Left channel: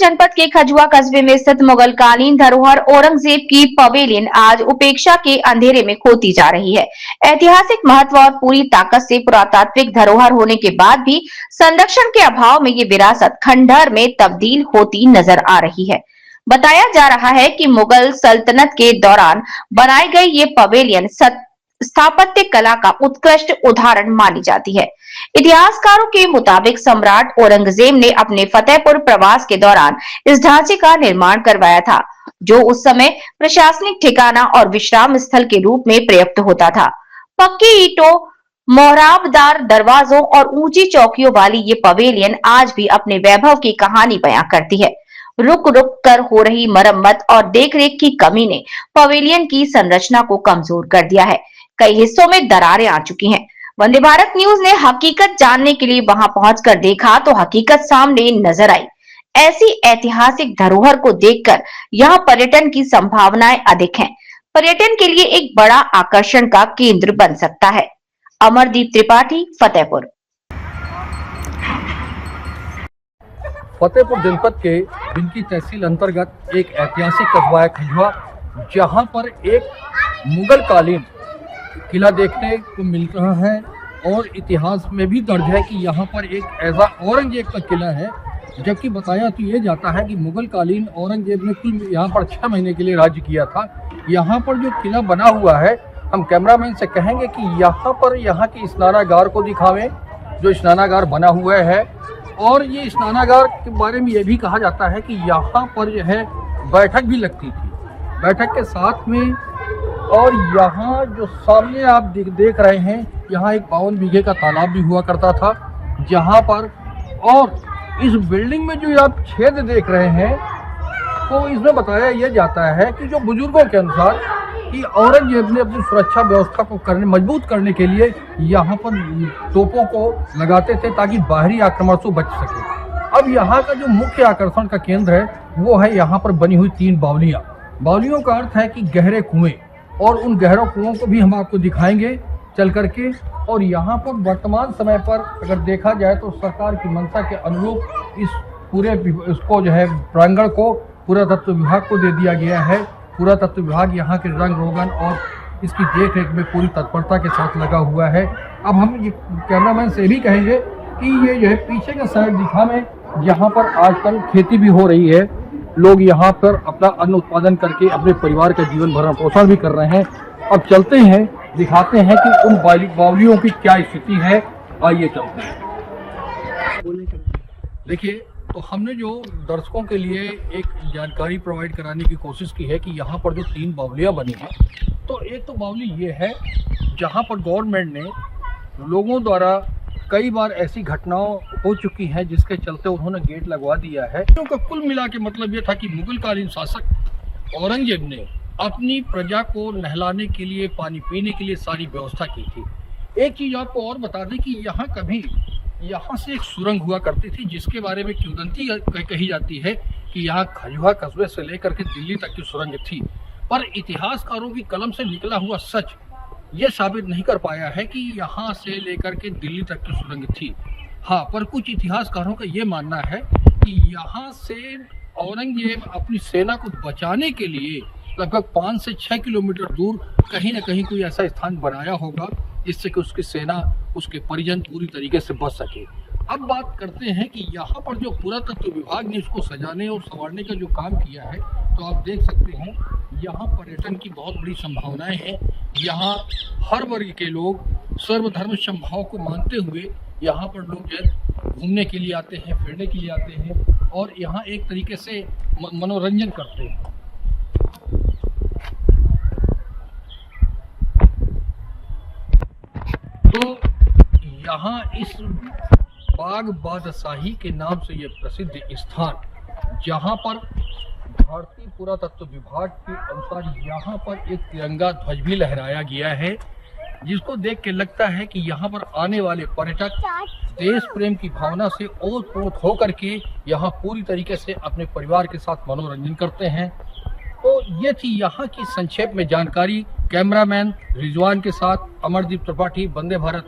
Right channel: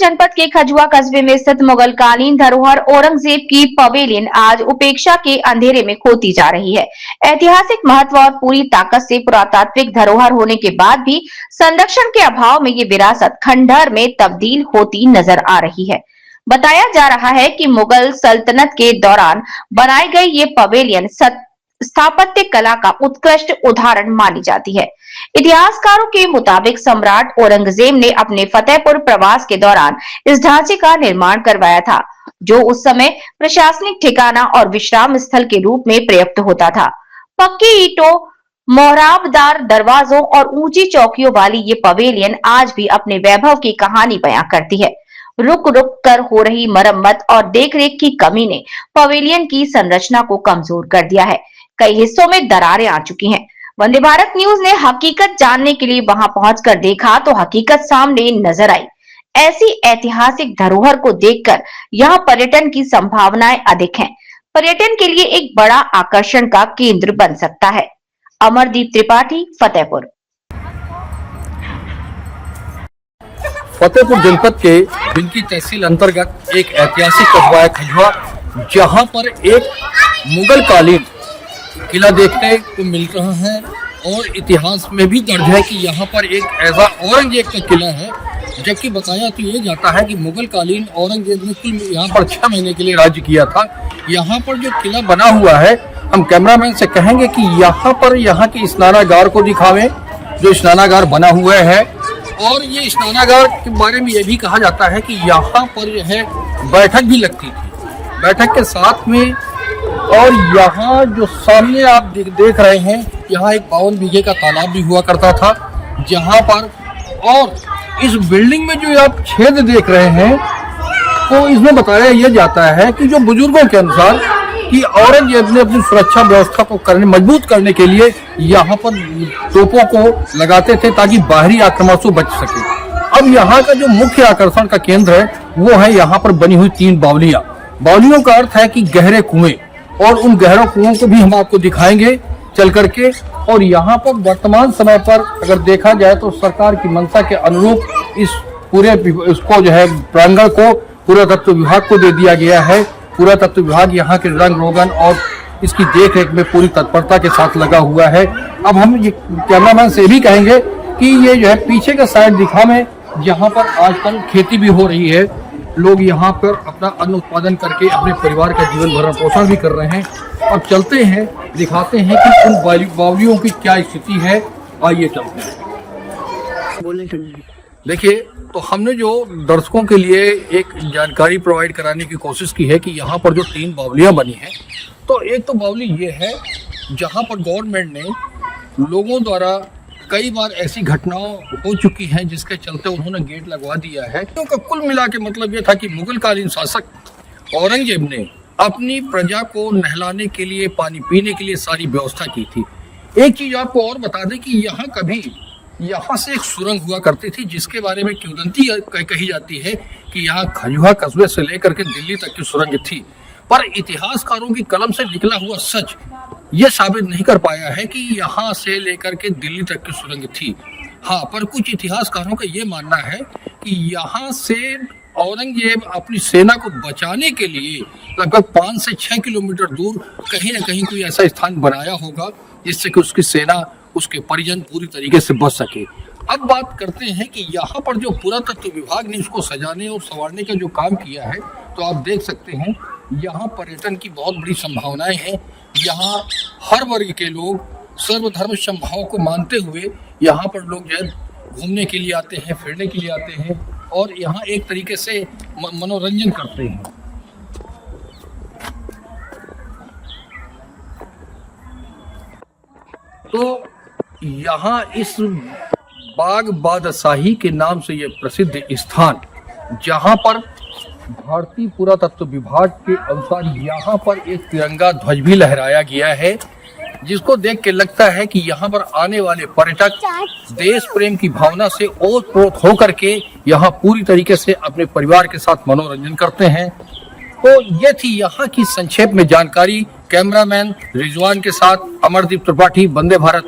जनपद के खजुआ कस्बे में स्थित मुगलकालीन धरोहर औरंगजेब की पवेलियन आज उपेक्षा के अंधेरे में खोती जा रही है। ऐतिहासिक महत्व और पूरी ताकत से पुरातात्विक धरोहर होने के बाद भी संरक्षण के अभाव में ये विरासत खंडहर में तब्दील होती नजर आ रही है। बताया जा रहा है कि मुगल सल्तनत के दौरान बनाई गई ये पवेलियन स्थापत्य कला का उत्कृष्ट उदाहरण मानी जाती है। इतिहासकारों के मुताबिक सम्राट औरंगजेब ने अपने फतेहपुर प्रवास के दौरान इस ढांचे का निर्माण करवाया था, जो उस समय प्रशासनिक ठिकाना और विश्राम स्थल के रूप में प्रयुक्त होता था। पक्की ईंटों, मोहराबदार दरवाजों और ऊंची चौकियों वाली ये पवेलियन आज भी अपने वैभव की कहानी बयां करती है। रुक रुक कर हो रही मरम्मत और देखरेख की कमी ने पवेलियन की संरचना को कमजोर कर दिया है। कई हिस्सों में दरारें आ चुकी हैं। वंदे भारत न्यूज ने हकीकत जानने के लिए वहां पहुंचकर देखा तो हकीकत सामने नजर आई। ऐसी ऐतिहासिक धरोहर को देखकर यहां पर्यटन की संभावनाएं अधिक हैं। पर्यटन के लिए एक बड़ा आकर्षण का केंद्र बन सकता है। अमरदीप त्रिपाठी, फतेहपुर। फतेहपुर जनपद के बिनकी तहसील अंतर्गत एक ऐतिहासिक कस्बा है खजुआ, जहां पर एक मुगल कालीन किला देखने को मिल रहा है और इतिहास में भी दर्ज है कि यहाँ पर एक ऐसा औरंगजेब का किला है। जबकि बताया तो ये जाता है कि मुगल कालीन औरंगजेब ने कुल यहाँ पर 6 महीने के लिए राज्य किया था। यहाँ पर जो किला बना हुआ है, हम कैमरामैन से कहेंगे कि यहाँ पर यहाँ के स्नानागार को दिखावें, जो स्नानागार बना हुआ है। और ये स्नानागार के बारे में ये भी कहा जाता है कि यहाँ पर जो है बैठक भी लगती थी, बैठक के साथ में। और यहाँ जो सामने आप देख रहे हैं, यहाँ एक 52 बीघे का तालाब भी हुआ करता था जहाँ पर। और इस बिल्डिंग में जो आप छेद देख रहे हैं, तो इसमें बताया यह जाता है कि जो बुजुर्गों के अनुसार कि औरंगजेब ने अपनी सुरक्षा व्यवस्था को मजबूत करने के लिए यहाँ पर तोपों को लगाते थे ताकि बाहरी आक्रमण से बच सके। अब यहाँ का जो मुख्य आकर्षण का केंद्र है वो है यहाँ पर बनी हुई 3 बावलियां। बावलियों का अर्थ है कि गहरे कुएं, और उन गहरे कुओं को भी हम आपको दिखाएंगे चल करके। और यहाँ पर वर्तमान समय पर अगर देखा जाए तो सरकार की मंशा के अनुरूप इस पूरे इसको जो है प्रांगण को पुरातत्व विभाग को दे दिया गया है। पुरातत्व विभाग यहाँ के रंग रोगन और इसकी देखरेख में पूरी तत्परता के साथ लगा हुआ है। अब हम ये कैमरामैन से भी कहेंगे कि ये जो है पीछे का साइड दिखावे, जहाँ पर आजकल खेती भी हो रही है। लोग यहाँ पर अपना अन्न उत्पादन करके अपने परिवार का जीवन भरण पोषण भी कर रहे हैं। अब चलते हैं, दिखाते हैं कि उन बावलियों की क्या स्थिति है। आइए चलते हैं। देखिए, तो हमने जो दर्शकों के लिए एक जानकारी प्रोवाइड कराने की कोशिश की है कि यहाँ पर जो 3 बावलियाँ बनी हैं, तो एक तो बावली ये है जहाँ पर गवर्नमेंट ने लोगों द्वारा कई बार ऐसी घटनाओं हो चुकी हैं जिसके चलते उन्होंने गेट लगवा दिया है। तो कुल मिला के मतलब ये था कि मुगलकालीन शासक औरंगजेब ने अपनी प्रजा को नहलाने के लिए, पानी पीने के लिए सारी व्यवस्था की थी। एक चीज आपको और बता दें कि यहाँ से एक सुरंग हुआ करती थी, जिसके बारे में किंवदंती कही जाती है कि यहाँ खजुआ कस्बे से लेकर के दिल्ली तक की सुरंग थी। पर इतिहासकारों की कलम से निकला हुआ सच ये साबित नहीं कर पाया है कि यहाँ से लेकर के दिल्ली तक की सुरंग थी। हाँ, पर कुछ इतिहासकारों का ये मानना है कि यहाँ से औरंगजेब अपनी सेना को बचाने के लिए लगभग 5 से 6 किलोमीटर दूर कहीं ना कहीं कोई ऐसा स्थान बनाया होगा जिससे कि उसकी सेना, उसके परिजन पूरी तरीके से बच सके। अब बात करते हैं कि यहाँ पर जो पुरातत्व विभाग ने इसको सजाने और संवारने का जो काम किया है, तो आप देख सकते हैं यहाँ पर्यटन की बहुत बड़ी संभावनाएं हैं। यहाँ हर वर्ग के लोग सर्वधर्म समभाव को मानते हुए यहाँ पर लोग जो है घूमने के लिए आते हैं, फिरने के लिए आते हैं और यहाँ एक तरीके से मनोरंजन करते हैं। तो यहाँ इस बाग बादशाही के नाम से ये प्रसिद्ध स्थान, जहाँ पर भारतीय पुरातत्व विभाग के अनुसार यहाँ पर एक तिरंगा ध्वज भी लहराया गया है, जिसको देख के लगता है कि यहाँ पर आने वाले पर्यटक देश प्रेम की भावना से ओतप्रोत होकर के यहाँ पूरी तरीके से अपने परिवार के साथ मनोरंजन करते हैं। तो ये थी यहाँ की संक्षेप में जानकारी। कैमरामैन रिजवान के साथ अमरदीप त्रिपाठी, वंदे भारत।